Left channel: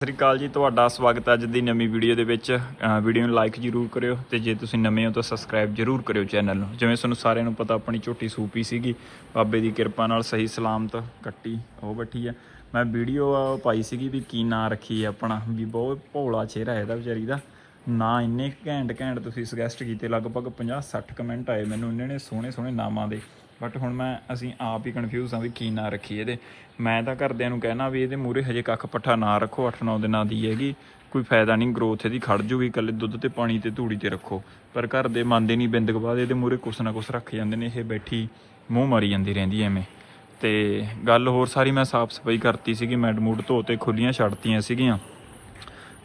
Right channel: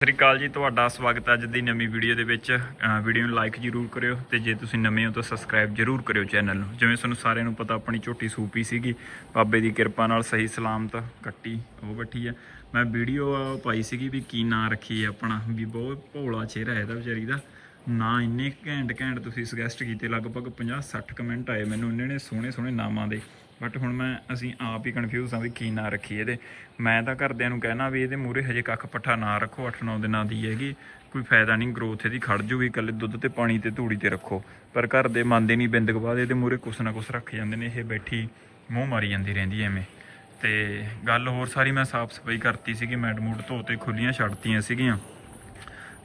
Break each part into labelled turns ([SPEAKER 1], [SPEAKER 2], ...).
[SPEAKER 1] ਸਤਿ ਸ੍ਰੀ ਅਕਾਲ ਜੀ, ਤੁਹਾਡਾ ਸਵਾਗਤ ਹੈ ਅੱਜ ਦੀ ਨਵੀਂ ਵੀਡੀਓ ਦੇ ਵਿੱਚ। ਵੀਡੀਓ ਨੂੰ ਲਾਈਕ ਜਰੂਰ ਕਰਿਓ ਤੇ ਜੇ ਤੁਸੀਂ ਨਵੇਂ ਹੋ ਤਾਂ ਸਬਸਕ੍ਰਾਈਬ ਜਰੂਰ ਕਰਿਓ ਚੈਨਲ ਨੂੰ। ਜਿਵੇਂ ਤੁਹਾਨੂੰ ਸਾਰਿਆਂ ਨੂੰ ਪਤਾ, ਆਪਣੀ ਝੋਟੀ ਸੂਪੀ ਸੀਗੀ। ਬਾਬੇ ਦੀ ਕਿਰਪਾ ਨਾਲ ਸਹੀ ਸਲਾਮਤ ਕੱਟੀ, ਉਹ ਬੱਠੀ ਆ ਮੈਂ ਵੀਡੀਓ ਪਾਈ ਸੀਗੀ ਵੀ ਕੀ ਨਾਂ ਰੱਖੀ ਹੈ ਆਪਣਾ, ਵੀ ਬਹੁਤ ਭੋਲਾ ਚਿਹਰਾ ਇਹਦਾ ਵਿਚਾਰੀ ਦਾ। ਨਾ, ਇੰਨੇ ਘੈਂਟ ਘੈਂਟ ਤੁਸੀਂ ਸੁਜੈਸਟ ਕੀਤੇ, ਲਗਭਗ 50 60 ਕਮੈਂਟ ਆਏ ਮੈਨੂੰ, ਇੰਨੇ ਨੇ ਸੋਹਣੇ ਸੋਹਣੇ ਨਾਮਾਂ ਦੇ। ਬਟ ਹੁਣ ਮੈਂ, ਅਸੀਂ ਆਪ ਹੀ ਕਨਫਿਊਜ਼ ਹਾਂ ਵੀ ਕੀ ਨਾਂ ਰੱਖੀਏ ਇਹਦੇ। ਮੈਂ ਤਾਂ ਘਰਦਿਆਂ ਨੂੰ ਕਹਿਣਾ ਵੀ ਇਹਦੇ ਮੂਰੇ ਹਜੇ ਕੱਖ ਪੱਠਾ ਨਾ ਰੱਖੋ 8-9 ਦਿਨਾਂ ਦੀ ਹੈਗੀ। ਕੋਈ ਫਾਇਦਾ ਨਹੀਂ ਗਰੋਥ ਇਹਦੀ ਖੜ ਜੂਗੀ, ਇਕੱਲੇ ਦੁੱਧ ਤੇ ਪਾਣੀ ਤੇ ਧੂੜੀ ਤੇ ਰੱਖੋ। ਪਰ ਘਰ ਦੇ ਮੰਨਦੇ ਨਹੀਂ, ਬਿੰਦਕ ਬਾਅਦ ਇਹਦੇ ਮੂਰੇ ਕੁਛ ਨਾ ਕੁਛ ਰੱਖ ਜਾਂਦੇ ਨੇ, ਇਹ ਬੈਠੀ ਮੂੰਹ ਮਰੀ ਜਾਂਦੀ ਰਹਿੰਦੀ ਐਵੇਂ। ਤੇ ਗੱਲ ਹੋਰ ਸਾਰੀ ਮੈਂ ਸਾਫ਼ ਸਫ਼ਾਈ ਕਰਤੀ ਸੀਗੀ ਮੈਡ ਮੂਡ ਧੋਤੇ ਖੁੱਲੀਆਂ ਛੱਡਤੀਆਂ ਸੀਗੀਆਂ।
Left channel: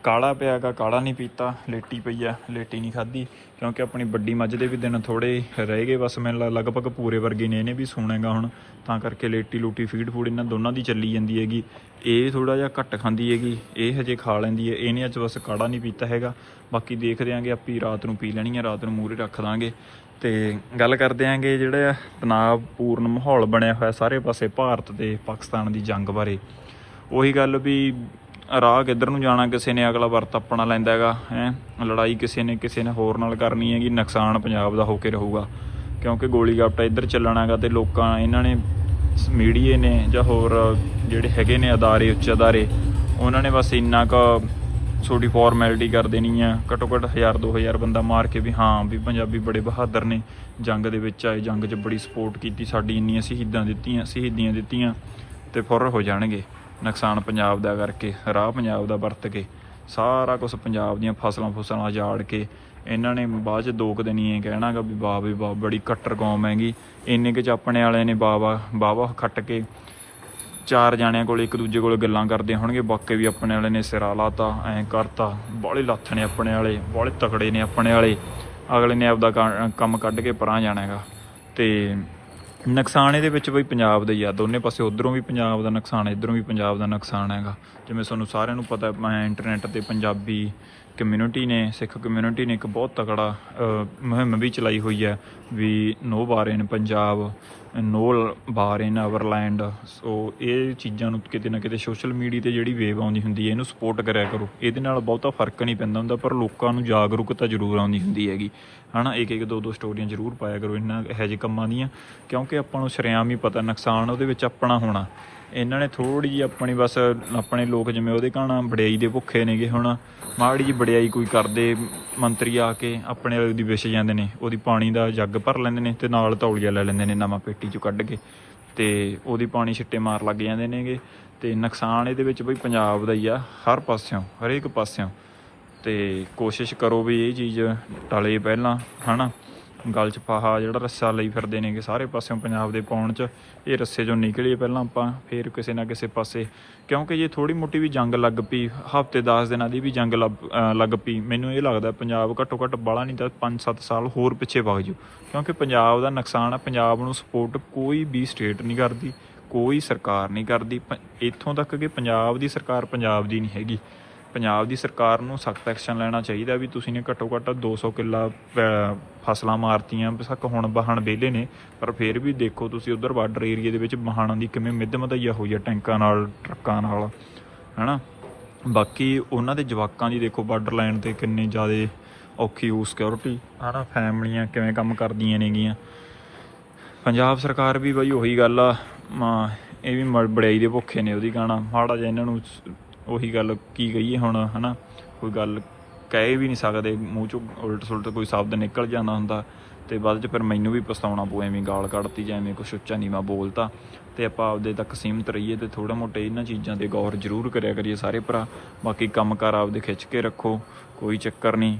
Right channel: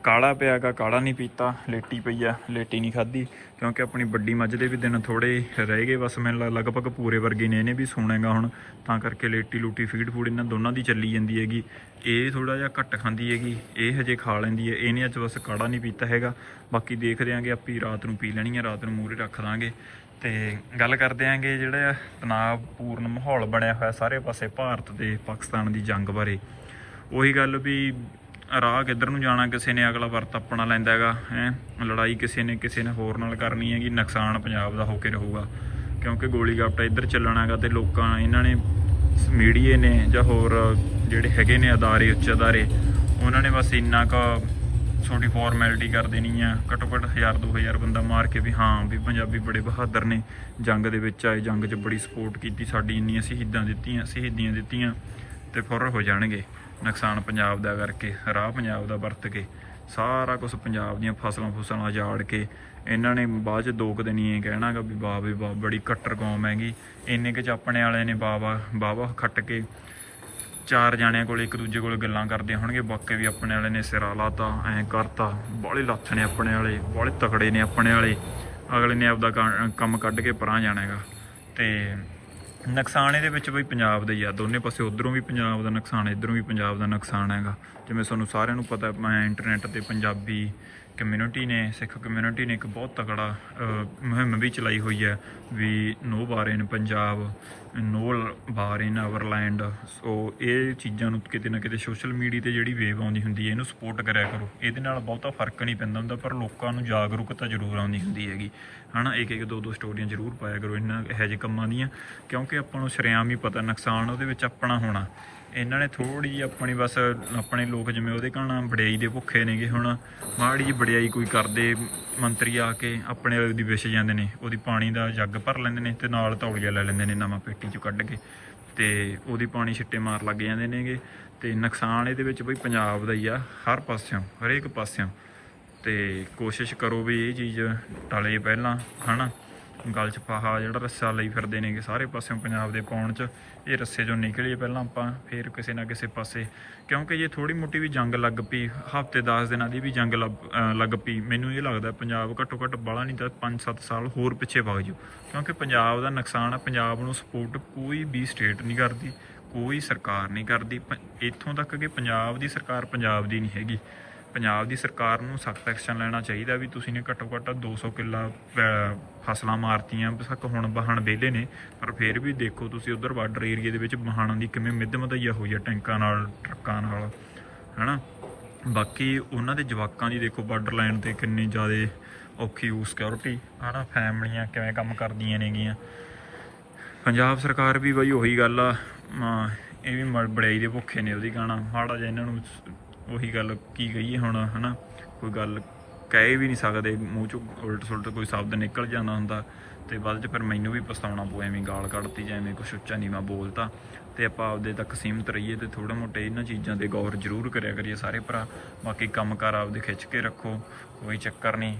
[SPEAKER 1] ਕਾਲਾ ਪਿਆਗਾ ਕਾਲਾ ਨਹੀਂ ਪੀਤਾ, ਲੇਟੀ ਪਈ ਆ, ਲੇਟੀ ਨਹੀਂ ਖਾਧੀ, ਕਿਉਂਕਿ ਆਪਣੀ ਵੱਡੀ ਮੱਝ ਦੇ ਵੀ ਦਿਨ ਥੋੜੇ ਰਹਿ ਗਏ, ਬਸ ਮੈਨੂੰ ਲੱਗ- ਲਗਭਗ ਪੂਰੇ ਵਰਗੇ ਨੇ, ਇਹਨੇ ਵੀ ਸੋਣੇਗਾ ਹੁਣ, ਤਾਂ ਕਰਕੇ ਲੇਟੀ ਲੂਟੀ, ਫੀਡ ਫੂਡ ਇਹਨਾਂ ਦੋਨਾਂ ਦੀ ਚੱਲੀ ਜਾਂਦੀ ਹੈਗੀ। ਇਹ ਥੋੜਾ ਜਿਹਾ ਘੱਟ ਖਾਂਦੀ ਹੈਗੀ, ਇਹ ਹਜੇ ਖਾ ਲੈਂਦੀ ਹੈ, ਇਹਨੇ ਅੱਜ ਬਸ ਕਾੜਾ ਨਹੀਂ ਪੀਤਾ ਹੈਗਾ। ਬਾਕੀ ਦੇਖਦੇ ਆਂਗੇ, ਆਪੀ ਰਾਤ ਨੂੰ ਪੀ ਲੈਣੀ ਹੈ ਰਾਤ ਨੂੰ ਮੂਰੇ ਰੱਖ ਦਾਂਗੇ। ਤੇ ਗੱਲ ਕਰਦੇ ਆਂਗੇ, ਜਿਹੜਾ ਤਣਾਅਪੂਰਨ ਮਾਹੌਲ ਬਣਿਆ ਹੋਇਆ ਸਾਰੇ ਪਾਸੇ, ਭਾਰਤ ਤੇ ਪਾਕਿਸਤਾਨ ਦੀ ਜੰਗ ਬਾਰੇ। ਉਹੀ ਗੱਲ ਵੀ ਰਾਹ ਕਿੱਧਰ ਨੂੰ ਜਾਣਾ, ਕਿਸੇ ਨੇ ਅਗਲਾ ਵਰਤ ਆਪਣਾ ਲੈਂਦਾ ਹੈਗਾ, ਹੈ? ਲੜਾਈ ਕਿਸੇ ਨੇ ਕਿਸੇ ਨੇ ਹੋਰ ਨਾਲ ਕਰਨੀ ਹੈਗੀ, ਨੁਕਸਾਨ ਪੰਜਾਬ ਦਾ ਹੋ ਕੇ ਰਹੂਗਾ। ਕਿਉਂਕਿ ਗੋਲੀ ਗਾਪਟਾ ਇੱਧਰ ਚੱਲਣਾ ਹੈਗਾ ਤੇ ਲੋਕਾਂ, ਇਹਨਾਂ ਨੇ ਮੀਡੀਏ ਨੇ ਜਾਂ ਹੋਰ ਜਿਹੜੇ ਹੈਗੇ ਨੇ ਅਦਾਰੇ, ਉੱਚ ਅਦਾਰੇ, ਉਹਨਾਂ ਨੇ ਬਸ ਇੰਨਾ ਕੁ ਛੋਟੀ ਫਾਰਮੈਲਿਟੀ ਕਰ ਦੇਣੀ ਆ। ਘੱਟੋ ਘੱਟ 1000 2000 ਬੰਦਾ ਮਾਰ ਕੇ ਵੀ ਹਾਂ, ਵੀ ਪੰਜਾਬੀ ਬੜੇ ਬਹਾਦਰ ਨੇ। ਜੰਗ ਦੇ ਵਿੱਚ ਆਏ, ਜੰਗ 'ਚ ਬੜੀ ਸਪੋਰਟ ਕੀਤੀ, ਸਾਡੀ ਇੰਨੀਆਂ ਸ਼ਹੀਦਾਂ ਦਿੱਤੀਆਂ, ਸ਼ਹੀਦੀਆਂ ਦਿੱਤੀਆਂ ਤੇ ਫੁਰ ਹੋ ਜਾਣਗੇ। ਨੁਕਸਾਨ ਪੰਜਾਬ ਦਾ ਕਰਕੇ, ਰਾਹ ਪੰਜਾਬ ਦਾ ਵਰਤ ਕੇ, ਸਾਰਾ ਕੁਝ ਪੰਜਾਬ ਦੀਆਂ ਫਸਲਾਂ ਫੁਸਲਾਂ ਜਾੜ ਕੇ, ਇਹਨਾਂ ਨੇ ਬਾਅਦ ਚ ਦੋ ਕੁ ਦਿਨ ਹੀ ਇਹ ਕਹਿਣਾਗਾ ਵੀ ਵਾਹ ਵੀ ਵਾਹ, ਬੜੀ ਕੱਟਰ ਕੌਮ ਹੈਗੀ। ਇੰਨੇ ਕੁ ਚ ਆਪਣੇ ਵਾਲਿਆਂ ਨੇ ਬਾਵਾ ਬਾਵਾ ਖੱਟ ਕੇ ਚਾਰ ਜਾਣਿਆਂ ਕੋਲ ਇੱਕ ਦੂਜੇ ਕੋਲ ਗੱਲਾਂ ਕਰਦੇ ਹੋਣਗੇ, ਬਾਕੀ ਵੀ ਆਪਣੇ ਵਾਲੇ ਨੇ ਸਿਰਾ ਲਾਤਾ, ਐਂ ਕਰਤਾ ਬਾਹਲੇ ਲੱਥ ਨੇ ਆਪਣੇ ਵਾਲੇ ਬਾਹਲੇ ਤਕੜੇ ਨੇ ਆਪਣੇ ਵਾਲੇ, ਅਗਲੇ ਨੇ ਆਪਦਾ ਕ- ਕੰਮ ਕੱਢ ਕੇ ਪਰਾਂ ਜਾਣਾ ਹੈਗਾ। ਤੇ ਨੁਕਸਾਨ ਇਹਦੇ ਵਿੱਚ ਬਈ ਪੰਜਾਬ ਦਾ ਹੀ ਆ, ਦੋਨੇ ਪਾਸੇ ਉਧਰੋਂ ਵੀ ਪੰਜਾਬ ਦਾ ਨੁਕਸਾਨ, ਇਧਰੋਂ ਵੀ ਪੰਜਾਬ ਦਾ ਨੁਕਸਾਨ ਹੈਗਾ। ਜਿਵੇਂ ਤੁਹਾਨੂੰ ਸਾਰਿਆਂ ਨੂੰ ਪਤਾ, ਮੈਂ ਇੰਟਰਨੈਟ ਤੇ ਪੰਜਾਬੀ ਕਮਿਊਨਿਟੀ ਨੇ, ਸਿੱਖ ਕਮਿਊਨਿਟੀ ਨੇ ਇੱਕ ਬਹੁਤ ਤਕੜਾ ਮੁਹਿੰਮ ਵੀ ਚਲਾਈ ਹੋਈ ਹੈ we no bar in Punjab, no bar in our land so ਇਹ ਚੀਜ਼ਾਂ ਨੂੰ ਕਿਤੇ ਨਾ ਕਿਤੇ ਸੋਸ਼ਲ ਮੀਡੀਆ ਤੇ ਜਿਹੜੀ ਵੇਵ ਆਉਂਦੀ ਹੁੰਦੀ ਹੈ, ਇਹਨੂੰ ਸਪੋਰਟ ਕਰਿਆ ਕਰੋ। ਇਹਦੇ ਨਾਲ ਬਹੁਤਾ ਫ਼ਰਕ ਨਹੀਂ ਪੈਂਦਾ ਹੁੰਦਾ, ਪਰ ਲੋਕਾਂ ਨੂੰ ਜਾਗਰੂਕਤਾ ਜ਼ਰੂਰ ਆਉਂਦੀ ਹੁੰਦੀ ਹੈਗੀ। ਹਨਾ, ਇੱਕ ਇੱਕ ਦੋ ਦੋ ਸਟੋਰੀਆਂ ਜ਼ਰੂਰ ਪਾਇਆ ਕਰੋ ਇਹਨਾਂ ਇਹੋ ਜਿਹੇ ਕੰਮਾਂ ਦੀਆਂ, ਕਿਉਂਕਿ ਆਪਾਂ ਨੂੰ ਸ਼ਰੇਆਮ ਹੀ ਪਤਾ, ਨੁਕਸਾਨ ਉਹਦੇ ਵਿੱਚ ਆਪਣਾ ਹੋਣਾ। ਇਹਨਾਂ ਨੇ ਥੋੜੀ ਜਿਹੀ ਆਪਣੀ ਬਸ ਆਪਣੇ ਲੋਕ ਜਿਵੇਂ ਉਹਦੇ ਕਹਣਾ ਵਡਿਆਈ ਦੇ ਭੁੱਖੇ ਨੇਗੇ ਹੁਣ, ਮਾੜੀ ਜਿਹੀ ਵਡਿਆਈ ਕੋਈ ਕਰਦੇ ਮੰਤਰੀ ਆ ਕੇ ਆਪਣੇ ਵਾਲੇ ਦੀ ਵਿਛ ਜਾਂਦੇ ਨੇ, ਉਹਦੀ ਪਾਣੀ ਦਾ ਜੱਗ ਭਰ ਲੈਂਦੇ ਨੇ ਤੇ ਨਾਲ ਤੌਲੀਆ ਲੈ ਲੈਂਦੇ ਨੇ ਨਵਾਂ ਪੇਟੀ ਚੋਂ ਕੱਢ ਕੇ ਤੇ ਉਹਦੀ ਪਾਣੀ ਛਿੱਟੇ ਮਾਰ ਲੱਗ ਜਾਂਦੇ ਨੇਗੇ ਤੇ ਨੁਕਸਾਨ ਇਹਦੇ ਵਿੱਚ ਬਈ ਪੰਜਾਬ ਦਾ ਹੀ ਆ, ਹਰ ਪਾਸਿਓਂ, ਹਰੇਕ ਪਾਸਿਓਂ ਤੇ ਕੋਸ਼ਿਸ਼ ਕਰੋ ਵੀ ਇਹ ਚੀਜ਼ ਟਲੇ ਪਹਿਲਾਂ, ਹਨਾ? ਗਲ ਚ ਫਾਹਾ ਜਿਹੜਾ ਰੱਸਾ ਲਈ ਫਿਰਦੇ ਨੇਗੇ ਸਾਰੇ ਪਾਸਿਓਂ ਪੰਜਾਬ ਦੇ ਪਾਉਣ ਚ, ਇਹ ਰੱਸੇ ਚੋਂ ਨਿਕਲੀਏ ਪਹਿਲਾਂ ਆਪਾਂ, ਫੇਰ ਕਿਸੇ ਨਾ ਕਿਸੇ ਪਾਸੇ। ਕਿਉਂਕਿ ਜੇ ਥੋੜੀ ਮੋਟੀ ਵੀ ਜੰਗ ਲੱਗ ਪਈ, ਹਫ਼ਤੇ 10 ਦਿਨਾਂ ਦੀ ਵੀ ਜੰਗ ਲੱਗ- ਲੱਗ ਪਈ, ਮੈਨੂੰ ਇਹ ਲੱਗਦਾ ਪੰਜਾਬ ਘੱਟੋ ਘੱਟ ਬਾਲਾ ਨਹੀਂ ਤਾਂ 5-7 ਸਾਲ ਹੋਰ ਪਿੱਛੇ ਵਗ ਜਾਊ। ਕਿਉਂਕਿ ਪੰਜਾਬ ਦਾ ਨੁਕਸਾਨ ਹੈ ਪੰਜਾਬ ਨੂੰ ਸਪੋਰਟ ਕੋਈ ਵੀ ਸਟੇਟ ਨਹੀਂ ਕਰਦੀ, ਕੋਈ ਸਰਕਾਰ ਨਹੀਂ ਕਰਦੀ, ਪ- ਇੱਥੋਂ ਤੱਕ ਕਿ ਪੰਜਾਬ ਦੀ ਸਰਕਾਰ ਪੰਜਾਬ ਦੀ ਨਹੀਂ ਹੈਗੀ। ਪੰਜਾਬ ਦੀ ਸਰਕਾਰ ਨੂੰ ਸਖਤ ਐਕਸ਼ਨ ਲੈਣਾ ਚਾਹੀਦਾ ਵੀ ਤੁਸੀਂ ਨੇ ਘੱਟੋ ਘੱਟ 200 ਕਿੱਲਾ ਅਹ, ਫਸਲਾਂ ਮਾਰਤੀਆਂ ਬਸਕ ਹੁਣ ਵਾਹਣ ਵਿਹਲੇ ਨੇ ਪਰ ਫਿਰ ਵੀ ਦੇਖੋ ਤੁਸੀਂ ਉਧਰ ਬਾਰਡਰ ਏਰੀਆ ਦੇ ਵਿੱਚ ਵਾਹਣਾਂ ਦੀ ਕਿਵੇਂ ਮਿੱਧ ਮਧਈਆ ਹੋਈ ਆ ਟੈਂਕਾਂ ਨਾਲ ਟਰੱਕਾਂ ਨਾਲ ਹਨਾ? ਬਾਕੀ ਉਹਨਾਂ ਦੇ ਜਵਾਕਾਂ ਦੀ ਦੇਖੋ ਬਾਰਡਰ ਲਾਈਨ ਤੇ ਕਿੰਨੇ ਜ਼ਿਆਦਾ ਔਖੀ ਹੋ ਸਿਕਿਉਰਿਟੀ ਹਨਾ ਫੈਮਲੀਆਂ ਕਿਵੇਂ ਕੰਮ ਕਰਦੀਆਂ ਨੇਗੀਆਂ। ਪੰਜਾਬ ਸਰਕਾਰ ਵੀ ਬਈ ਉਹੀ ਗੱਲ ਆ ਮ- ਇਹ ਵੀ ਮ- ਬੜਾਈ ਦੇ ਭੁੱਖੇ ਨੇ ਉਹਦੀ ਗਾਣਾ ਮਾੜਾ ਜਿਹਾ ਇਹਨਾਂ ਨੂੰ ਉਹੀ ਗੱਲ ਕੀ ਕਹੀਏ ਹੁਣ, ਹਨਾ? ਕੋਈ ਗੱਲ ਕਹਿ ਵੀ ਨਹੀਂ ਸਕਦੇ, ਮੂੰਹ ਚੋਂ ਉਲਟ ਸੁਲਟ ਕੋਈ ਸ਼ਬਦ ਨਿਕਲ ਜਾਣਾ ਹੁੰਦਾ ਤੇ ਬਾਅਦ ਚ ਫਿਰ ਮੈਨੂੰ ਵੀ ਪਛਤਾਉਣਾ ਪਊ, ਐਵੇਂ ਗਾਲ ਕੱਢਤੀ ਜਾਂ ਐਵੇਂ ਕੁਛ ਉੱਚਾ ਨੀਵਾਂ ਬੋਲਤਾ ਤੇ ਆਪਾਂ ਆਪਦੇ ਤੱਕ ਸੀਮਿਤ ਰਹੀਏ ਤੇ ਥੋੜਾ ਮੋਟੇ ਇਹਨਾਂ ਚੀਜ਼ਾਂ ਤੇ ਗੌਰ ਜ਼ਰੂਰ ਕਰਿਆ ਕਰੀਏ ਸਾਰੇ ਭਰਾ। ਬਾਕੀ ਕੰਮਕਾਰ ਆਪਦੇ ਖਿੱਚ ਕੇ ਰੱਖੋ, ਕੋਈ ਚੱਕਰ ਨਹੀਂ।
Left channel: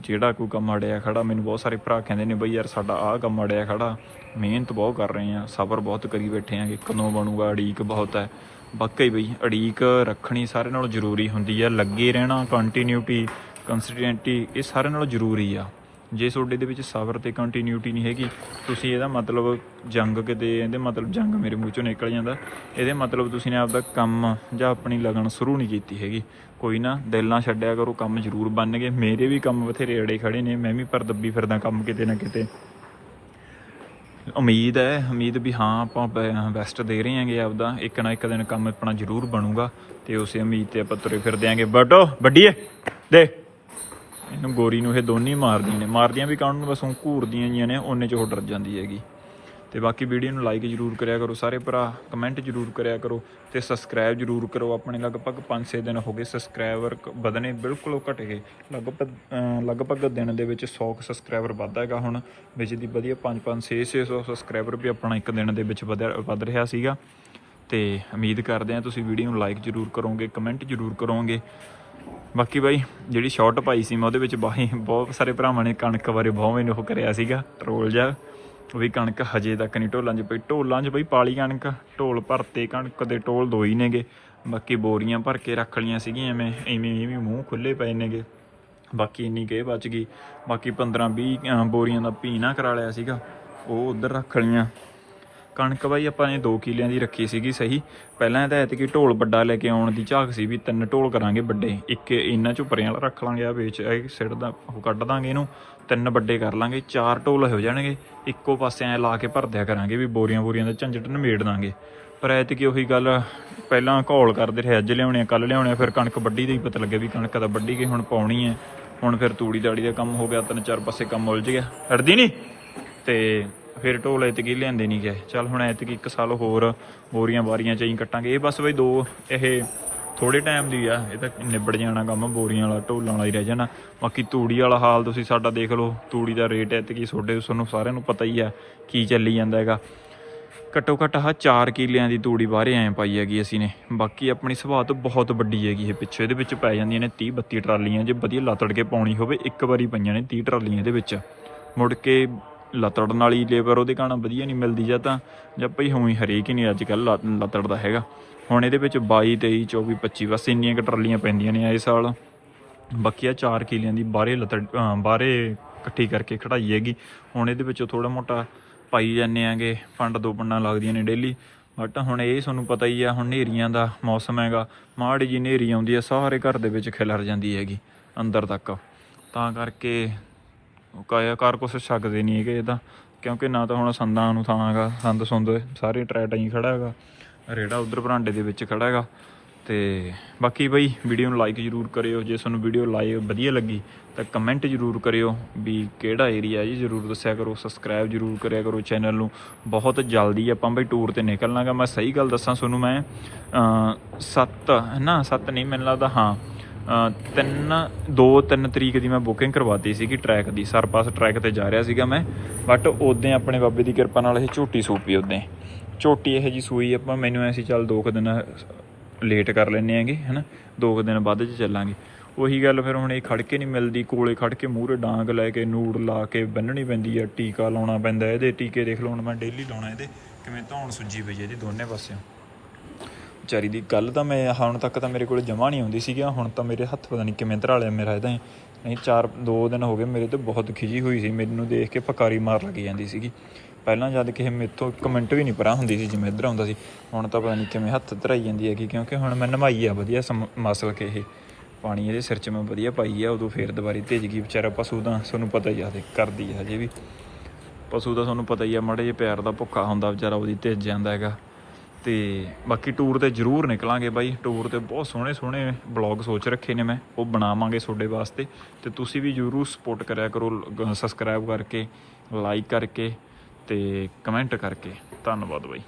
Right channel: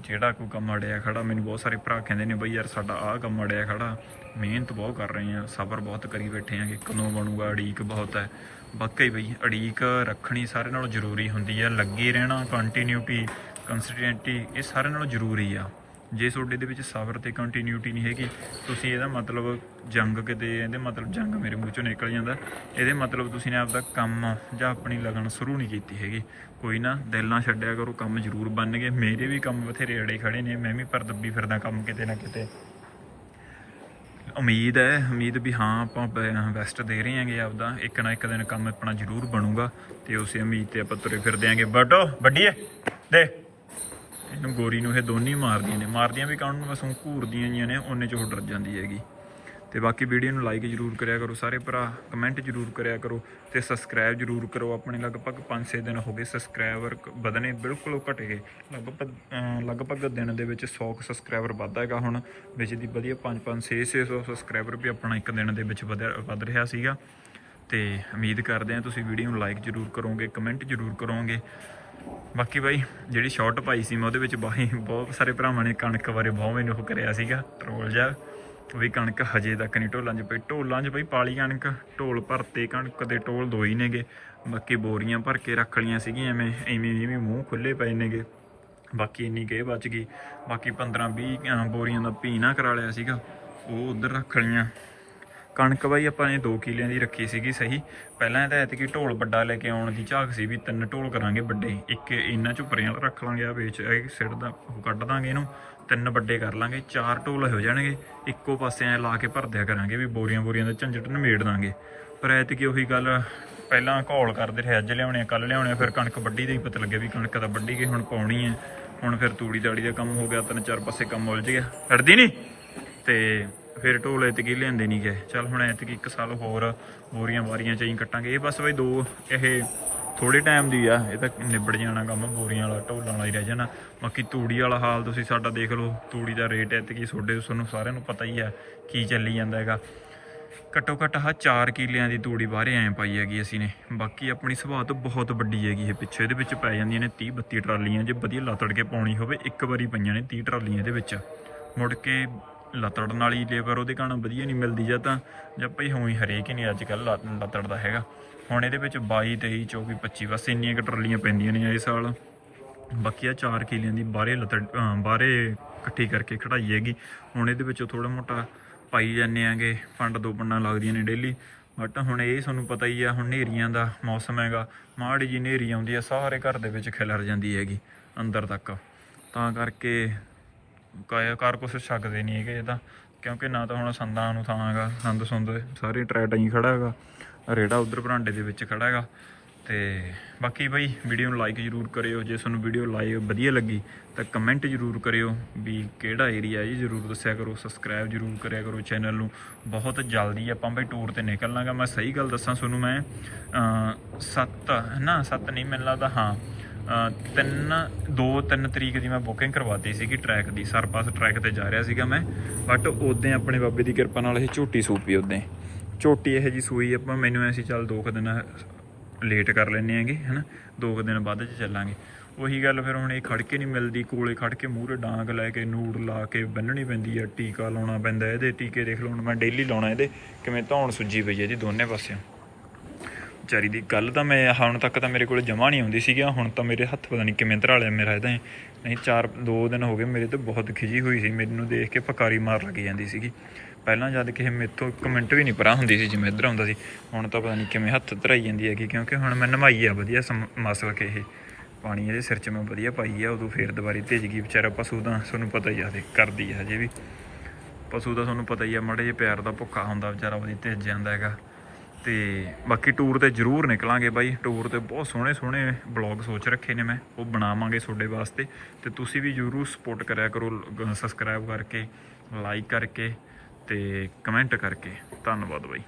[SPEAKER 1] ਜਿਹੜਾ ਕੋਈ ਕੰਮ ਅੜਿਆ ਖੜਾ, ਮੈਨੂੰ ਬਹੁਤ ਸਾਰੇ ਭਰਾ ਕਹਿੰਦੇ ਨੇ, ਬਈ ਯਾਰ ਸਾਡਾ ਆਹ ਕੰਮ ਅੜਿਆ ਖੜਾ, ਮਿਹਨਤ ਬਹੁਤ ਕਰ ਰਹੇ ਆ, ਸਬਰ ਬਹੁਤ ਕਰੀ ਬੈਠੇ ਆ ਕਿ ਕਦੋਂ ਬਣੂਗਾ ਅੜੀਕ ਬਹੁਤ ਹੈ। ਵਾਕਈ ਬਈ ਅੜੀਕ ਰੱਖਣੀ ਸਾਰੇ ਨਾਲੋਂ ਜ਼ਰੂਰੀ ਹੁੰਦੀ ਆ, ਲੱਗੇ ਰਹਿਣਾ ਕੰਟੀਨਿਊਟੀ ਕੰਸਿਸਟੈਂਟੀ ਇਹ ਸਾਰੇ ਨਾਲੋਂ ਜ਼ਰੂਰੀ ਆ। ਜੇ ਤੁਹਾਡੇ ਦੇ ਵਿੱਚ ਸਬਰ ਤੇ ਕੰਟੀਨਿਊਟੀ ਨਹੀਂ ਹੈਗੀ, ਤੁਸੀਂ ਇਹਦਾ ਮਤਲਬ ਜੰਗ ਕਿਤੇ, ਇਹਦੇ ਮਤਲਬ ਜੰਗ ਮੇਰੇ ਮੂੰਹ ਚੋਂ ਨਿਕਲ ਜਾਂਦਾ। ਇਹਦੇ ਮਤਲਬ ਤੁਸੀਂ ਨੇ ਆਪਦਾ ਕੰਮ ਜਾਂ ਆਪਣੀ ਲਗਨ ਸ਼ੁਰੂ ਨਹੀਂ ਕੀਤੀ ਹੈਗੀ। ਕੋਈ ਨਾ, ਦਿਲ ਨਾ ਛੱਡਿਆ ਕਰੋ, ਕੰਮ ਜ਼ਰੂਰ ਬਣਨਗੇ ਮੇਰੇ ਵੀ ਕੰਮ ਬਥੇਰੇ ਅੜੇ ਖੜੇ ਨੇ, ਮੈਂ ਵੀ ਪਰ ਦੱਬੀ ਫਿਰਦਾ ਕੰਮ ਕਿਤੇ ਨਾ ਕਿਤੇ। ਉਮੀਦ ਹੈ, ਉਮੀਦ ਵੀ ਹਾਂ ਆਪਾਂ ਬੈਸਟ ਦੇ ਰਹੇ ਹਾਂਗੇ ਆਪਦਾ। ਇੱਕ ਨਾ ਇੱਕ ਦਿਨ ਕੰਮ ਆਪਣਾ ਜ਼ਰੂਰ ਬਣੂਗਾ ਤੇ ਉਸੇ ਉਮੀਦ ਤੇ ਆਪਾਂ ਤੁਰੇ ਫਿਰਦੇ ਆਂਗੇ ਬਟੋ ਵੱਡੀਏ, ਦੇ। ਇਹਨੂੰ ਗੋਰੀ ਨੂੰ ਇਹ ਦੋਨੇ ਮਾਰਦੀਆਂ ਨੇ। ਮਾਰਦੀਆਂ ਵੀ ਕਾਹਨੂੰ ਬਸ ਉਹ ਘੂਰਦੀਆਂ ਜੀਆਂ ਨੇ, ਉਹਨੇ ਚ ਉਹ ਡਰ ਜਾਂਦੀ ਹੈਗੀ। ਤੇ ਬਾਕੀ ਵੀਡੀਓ ਨੂੰ ਲਾਈਕ ਜਰੂਰ ਕਰਿਆ ਕਰੋ, ਸਾਰੇ ਭਰਾ ਕਮੈਂਟ ਜਰੂਰ ਕਰਿਆ ਕਰੋ ਤੇ ਸਬਸਕ੍ਰਾਈਬ ਜਰੂਰ ਕਰੋ। ਆਪਣੇ ਲਗਭਗ 5-6 ਦਿਨ ਹੋ ਗਏ ਸਬਸਕ੍ਰਾਈਬਰ ਵਧਨੇ ਬਿਲਕੁਲ ਉਹ ਘਟ ਗਏ। ਲਗਭਗ ਲਗਭਗ ਦਿਨ ਦੇ ਵਿੱਚ 100 ਸਬਸਕ੍ਰਾਈਬਰ ਵੱਧਦਾ ਹੈਗਾ ਹੁਣ, ਵਿੱਚ ਦੀ ਵਧੀਆ 5-5 6-600 ਸਬਸਕ੍ਰਾਈਬਰ ਵੀ ਆਪਣਾ ਇੱਕ ਦਿਨ ਦੇ ਵਿੱਚ ਵਧਿਆ- ਵੱਧ ਰਿਹਾ ਸੀਗਾ। ਤੇ ਉਮੀਦ ਕਰਦੇ ਹਾਂ ਤੁਸੀਂ ਵੀਡੀਓ ਨੂੰ ਲਾਈਕ ਜਰੂਰ ਕਰੋਗੇ ਕਮੈਂਟ ਜਰੂਰ ਕਰੋਗੇ। ਬਾਕੀ ਬਾਈ, ਜਿਹੜੀ ਸ਼ਾਰਟ ਪਾਈ ਸੀ ਮੈਂ ਉਹਦੇ ਵਿੱਚ ਬਾਈ, ਬਹੁਤ ਸਾਰੇ ਭਰਾਵਾਂ ਨੇ ਕਣਕ ਬਾਰੇ ਬਹੁਤ ਮੈਨੂੰ ਉਹ ਕਰਿਆ ਸੀਗਾ ਟਰੋਲ ਜਿਹਾ। ਵੀ ਕਣਕ ਹਜੇ ਤੱਕ ਨਹੀਂ ਢੋਲਾਂ 'ਚ ਪਈ। ਢੋਲਾਂ 'ਚ ਬਈ ਪਾਲੀ ਕਣਕ, ਢੋਲ ਭਰਤੇ ਕਣਕ ਦੇ ਢੋਲ ਦੋ ਹੀ ਨੇਗੇ। ਬਾਕੀ ਬੋਰੀਆਂ ਭਰ ਕੇ ਰੱਖ ਲੀਆਂ ਸੀਗੀਆਂ ਐਵੇਂ ਐਵੇਂ ਐਵੇਂ ਮੂੰਹ ਖੁੱਲੇ ਪਏ ਨੇਗੇ। ਬਾਕੀ ਇੰਨੀ ਕੇ ਬਚ ਗਈ। ਬਾਕੀ 15 20 ਬੋਰੀਆਂ ਦਾ ਪੀਣਾ ਕਰਾ ਲਿਆ ਸੀਗਾ। ਉਹ ਉਧਰ ਰੱਖ ਲੀਆਂ ਕਣਕ ਬਾਈ ਆਪਾਂ ਨੇ 2 ਕਿੱਲਿਆਂ ਦੀ ਰੱਖੀ ਸੀਗੀ ਸਹੀ। ਪਹਿਲਾਂ ਤਾਂ ਐਤਕੀ ਢੋਲ ਵੱਡਾ ਲੈ ਕੇ ਆਉਣ ਦੀ ਝਾਕ ਸੀ ਵੀ ਤਿੰਨ ਢੋਲ ਕਰਾਂਗੇ ਵੱਡੇ। ਇੱਕ ਇਹਨਾਂ ਚੋਂ ਵਾਲਾ ਰੱਖ ਲਾਂਗੇ ਆ ਵੇਚ ਇਹ ਸਿਰ ਦਾ ਉਹ ਕੱਢ ਦਾਂਗੇ ਇਹਨੂੰ। ਤਿੰਨ ਵੱਡੇ ਕਰ ਲਾਂਗੇ, ਚਾਰ ਢੋਲ ਹੋ ਜਾਣਗੇ। ਇੱਕੋ ਪਾਸੇ ਐ ਲਾ ਕੇ ਭਰ ਦਿਆ ਕਰਾਂਗੇ ਵੀ ਬੋਰੀਆਂ ਬੋਰੀਆਂ ਦਾ ਝੰਜਟ ਨਿਮੇੜ ਦਾਂਗੇ। ਪਰ ਐਤਕੀ ਉਹੀ ਗੱਲ, ਪਹਿਲਾਂ ਘੋਲ ਕਰਦੇ ਰਹੇ, ਅੱਜ ਲਿਆਉਣੇ ਕੱਲ ਲਿਆਉਣੇ ਫਿਰ ਕਣਕ ਵੱਡੀ ਦਾ ਹੀ ਪਤਾ ਲੱਗਿਆ ਵੀ ਕਣਕ ਤਾਂ ਵੱਡੀ ਗਈ, ਹੁਣ ਪਾਉਣੀ ਹੈ ਹੁਣ ਫਿਰ ਤੂੜੀ ਦਾੜੀ ਦਾ ਕੰਮ ਹੋ ਗਿਆ, ਤਿੰਨ ਚਾਰ ਪਾਸੇ ਕੰਮ ਉਲਝ ਗਿਆ। ਹਟਦੀ ਨਹੀਂ ਤੇ ਫਿਰ ਢੋਲ ਐਤਕੀ ਲਿਆਂਦੇ ਨਹੀਂ ਗਏ। ਚੱਲ ਹੁਣ ਐਤਕੀ ਇੱਕ ਸਾਲ ਹੋਰ ਬੋਰੀਆਂ ਬਾਰੀਆਂ ਚ ਹੀ ਕੱਟਾਂਗੇ। ਇਹ ਬਸ ਬਈ ਦੋ, ਇਹ ਥੋੜੇ ਟਾਈਮ ਦੀ ਆ। ਇਹ ਤਾਂ ਨਿਬੜ ਜਾਣਾ ਕੰਮ ਬੋਰੀਆਂ ਵਾਲਾ, ਢੋਲਾਂ ਵਾਲਾ ਹੀ ਰਹਿ ਜਾਣਾ। ਬਾਕੀ ਤੂੜੀ ਵਾਲਾ ਹਾਲ ਤੁਸੀਂ ਸਾਡਾ ਦੇਖ ਲਓ। ਤੂੜੀ ਦਾ ਰੇਟ ਐਤਕੀ ਤੁਹਾਡੇ, ਤੁਹਾਨੂੰ ਸਾਰਿਆਂ ਨੂੰ ਪਤਾ ਹੀ ਆ ਕੀ ਚੱਲੀ ਜਾਂਦਾ ਹੈਗਾ। ਘੱਟੋ ਘੱਟ ਆਹ 4 ਕਿਲਿਆਂ ਦੀ ਤੂੜੀ ਬਾਹਰੇ ਐਂ ਪਾਈ ਹੈਗੀ ਅਸੀਂ ਨੇ। ਬਾਕੀ ਆਪਣੀ ਸੁਭਾਅ ਤੋਂ ਬਹੁਤ ਵੱਡੀ ਹੈਗੀ ਇਹ ਪਿੱਛੇ। ਇਹਦੇ ਵਿੱਚ ਪੈ ਜਾਂਦੀਆਂ ਨੇ 30 32 ਟਰਾਲੀਆਂ। ਜੇ ਵਧੀਆ ਲੱਤੜ ਕੇ ਪਾਉਣੀ ਹੋਵੇ, ਇੱਕ ਵਾਰੀ ਪਈਆਂ ਨੇ 30 ਟਰਾਲੀਆਂ ਇਹਦੇ ਵਿੱਚ। ਮੁੜ ਕੇ ਲੱਤੜਨ ਵਾਲੀ ਲੇਬਰ ਉਹਦੇ ਕਾਰਨ ਵਧੀਆ ਨਹੀਂ ਮਿਲਦੀ ਜਾਂ ਤਾਂ, ਜਾਂ ਭਈ ਹੋਈ ਹਰੇਕ ਹੀ ਨਹੀਂ ਅੱਜ ਕੱਲ ਲੱਤੜ ਦਾ ਹੈਗਾ। ਹੁਣ ਇਹਦੇ ਵਿੱਚ 22 23 24 25 ਬਸ ਇੰਨੀਆਂ ਕ ਟਰਾਲੀਆਂ ਪੈਂਦੀਆਂ ਨੇ ਇਸ ਸਾਲ। ਬਾਕੀ ਆ 4 ਕਿਲਿਆਂ ਦੀ ਬਾਹਰੇ ਲਤੜ ਬਾਹਰੇ ਇਕੱਠੀ ਕਰਕੇ ਖੜਾਈ ਹੈਗੀ। ਹੁਣ ਇਹਦੇ ਵਿੱਚੋਂ ਥੋੜਾ ਮੋਟਾ ਪਾਈ ਜਾਂਦੇ ਆਂਗੇ, ਫੰਡ ਦੋ ਪੰਡਾਂ ਲੱਗਦੀਆਂ ਨੇ ਡੇਲੀ। ਬਟ ਹੁਣ ਇਹ ਤੁਹਾਨੂੰ ਪਤਾ ਹੀ ਆ, ਹੁਣ ਨੇਰੀਆਂ ਦਾ ਮੌਸਮ ਹੈਗਾ। ਮਾੜੀ ਜੀ ਨੇਰੀ ਆਉਂਦੀ ਹੈ ਸਾਰੇ ਘਰ ਦੇ ਵਿੱਚ ਖਿਲਰ ਜਾਂਦੀ ਹੈਗੀ, ਅੰਦਰ ਤੱਕ। ਤਾਂ ਕਰਕੇ ਕਾਇਆ ਕੁਛ ਸਕਦੇ ਨਹੀਂ ਹੈਗੇ ਇਹਦਾ ਕਿਉਂਕਿ ਨਾ ਤਾਂ ਹੁਣ ਸੰਦਾਂ ਨੂੰ ਥਾਂਗਾ ਸੰਦ ਸੁੰਦ ਸਾਰੇ ਟਰੈਕਟਾਂ ਹੀ ਖੜਾ ਹੈਗਾ, ਰੇੜਾ ਉਧਰ ਭਰਾਂਡੇ ਦੇ ਵਿੱਚ ਖੜਾ ਹੈਗਾ, ਤੇ ਬਾਕੀ ਬਈ ਵੀਡੀਓ ਨੂੰ ਲਾਈਕ ਜਰੂਰ ਕਰਿਓ, ਜੇ ਤੁਹਾਨੂੰ ਵੀਡੀਓ ਲਾਈਕ ਵਧੀਆ ਲੱਗੀ, ਤਾਂ ਕਮੈਂਟ ਜਰੂਰ ਕਰਿਓ ਵੀ ਕਿਹੜਾ ਏਰੀਆ ਜੀ, ਜਰੂਰ ਦੱਸਿਆ ਕਰੋ ਸਬਸਕ੍ਰਾਈਬ ਜਰੂਰ ਕਰਿਆ ਕਰੋ ਚੈਨਲ ਨੂੰ, ਬਹੁਤ ਜਲਦੀ ਆਪਾਂ ਬਈ ਟੂਰ ਤੇ ਨਿਕਲਣਾਗਾ, ਮੈਂ ਸਹੀ ਗੱਲ ਦੱਸਾਂ ਤੁਹਾਨੂੰ ਮੈਂ 7 ਨਾ 7 ਨਹੀਂ ਮੈਨੂੰ ਲੱਗਦਾ, ਹਾਂ ਤਿੰਨ, ਦੋ, ਤਿੰਨ ਤਰੀਕ ਦੀ ਮੈਂ ਬੁਕਿੰਗ ਕਰਵਾਤੀ ਸੀਗੀ ਟਰੈਕ ਦੀ। ਸਰਪਾਸ ਟਰੈਕ ਤੇ ਜਾ ਰਿਹਾ ਸੀਗਾ ਮੈਂ ਬਟ ਉਦੋਂ ਆਪਣੇ ਬਾਬੇ ਦੀ ਕਿਰਪਾ ਨਾਲ ਇਹ ਝੋਟੀ ਸੂਪੀ ਉਦੋਂ ਝੋਟੀ ਇਹ ਜੀ ਸੂਈ ਆਪਾਂ ਮੈਨੂੰ ਐਸੀ ਚੱਲ ਦੋ ਕੁ ਦਿਨ ਲੇਟ ਕਰ ਲੈਨੇ ਆਂਗੇ, ਹਨਾ? ਦੋ ਕੁ ਦਿਨ ਬਾਅਦ ਚ ਚੱਲਾਂਗੇ। ਉਹੀ ਗੱਲ ਫਿਰ ਹੁਣ ਇਹ ਖੜ ਕੇ ਨਹੀਂ ਮਿਲਦੀ, ਕੋਲੇ ਖੜ ਕੇ ਮੂਹਰੇ ਡਾਂਗ ਲੈ ਕੇ, ਨੂੜ ਲਾ ਕੇ ਬੰਨਣੀ ਪੈਂਦੀ ਆ, ਟੀਕਾ ਲਾਉਣਾ ਪੈਂਦਾ, ਇਹਦੇ ਟੀਕੇ ਦੇਖ ਲਓ, ਹੁਣ ਮੈਂ ਡੇਲੀ ਲਾਉਣਾ ਇਹਦੇ, ਕਿਵੇਂ ਧੌਣ ਸੁੱਜੀ ਪਈ ਹੈ ਜੀ ਦੋਨੇ ਪਾਸਿਓਂ। ਵਿਚਾਰੀ ਦੀ ਗੱਲ ਤਾਂ ਮੈਂ, ਹੁਣ ਤੱਕ ਤਾਂ ਮੇਰੇ ਕੋਲ ਜਮਾ ਨਹੀਂ ਆਉਂਦੀ ਸੀਗੀ, ਹੁਣ ਤਾਂ ਮੇਰੇ ਹੱਥ ਪਤਾ ਨਹੀਂ ਕਿਵੇਂ ਧਰਾ ਲਿਆ ਮੇਰਾ ਇਹਦਾ ਨਹੀਂ, ਚਾਰ, ਦੋ ਦਿਨ ਹੋ ਗਏ ਮੇਰੇ ਤੇ ਬਹੁਤ ਖਿਜੀ ਹੋਈ ਸੀ, ਮੈਨੂੰ ਦੇਖ ਕੇ ਫਕਾਰੀ ਮਾਰ ਲੱਗ ਜਾਂਦੀ ਸੀਗੀ। ਪਹਿਲਾਂ ਜਦ ਕਿਸੇ ਮੇਥੋਂ ਇੱਕ ਮਿੰਟ ਵੀ ਨਹੀਂ ਪਰਾਂ ਹੁੰਦੀ ਸੀ, ਜਿਵੇਂ ਇੱਧਰ ਆਉਂਦਾ ਸੀ, ਹੁਣ ਤਾਂ ਪਤਾ ਨਹੀਂ ਕਿਵੇਂ ਹੱਥ ਧਰਾਈ ਜਾਂਦੀ ਹੈਗੀ, ਕਿਉਂਕਿ ਹੁਣ ਮੈਂ ਨਮਾਈ ਆ ਵਧੀਆ ਸਮ- ਮਸਲ ਕੇ ਇਹ ਪਾਣੀ ਇਹਦੇ ਸਿਰ 'ਚ ਮੈਂ ਵਧੀਆ ਪਾਈ ਆ, ਉਦੋਂ ਫੇਰ ਦੁਬਾਰੀ ਭੇਜ ਗਈ। ਵਿਚਾਰਾ ਪਸ਼ੂ ਤਾਂ ਤੁਹਾਨੂੰ ਪਤਾ ਹੀ ਆ ਦੇ ਕਰਦੀ ਆ ਹਜੇ ਵੀ। ਪਸ਼ੂ ਦਾ ਤੁਹਾਨੂੰ ਪਤਾ ਹੀ ਆ, ਮੜੇ ਜੇ ਪਿਆਰ ਦਾ ਭੁੱਖਾ ਹੁੰਦਾ ਵਿਚਾਰਾ, ਉਹਦੀ ਤੇਜ ਜਾਂਦਾ ਹੈਗਾ। ਤੇ ਬਾਕੀ ਟੂਰ ਤੇ ਜ਼ਰੂਰ ਨਿਕਲਾਂਗੇ ਬਾਈ। ਟੂਰ ਤੇ ਬਹੁਤ ਸੋਹਣੇ ਸੋਹਣੇ ਬਲੌਗ ਸੋਚ ਰੱਖੇ ਨੇ ਮੈਂ। ਉਹ ਬਣਾਵਾਂਗੇ ਤੁਹਾਡੇ ਵਾਸਤੇ। ਤੇ ਤੁਸੀਂ ਵੀ ਜ਼ਰੂਰ ਸਪੋਰਟ ਕਰਿਆ ਕਰੋ ਸਬਸਕ੍ਰਾਈਬ ਕਰਕੇ ਲਾਈਕ ਕਰਕੇ ਤੇ ਕਮੈਂਟ ਕਰਕੇ। ਧੰਨਵਾਦ ਬਾਈ।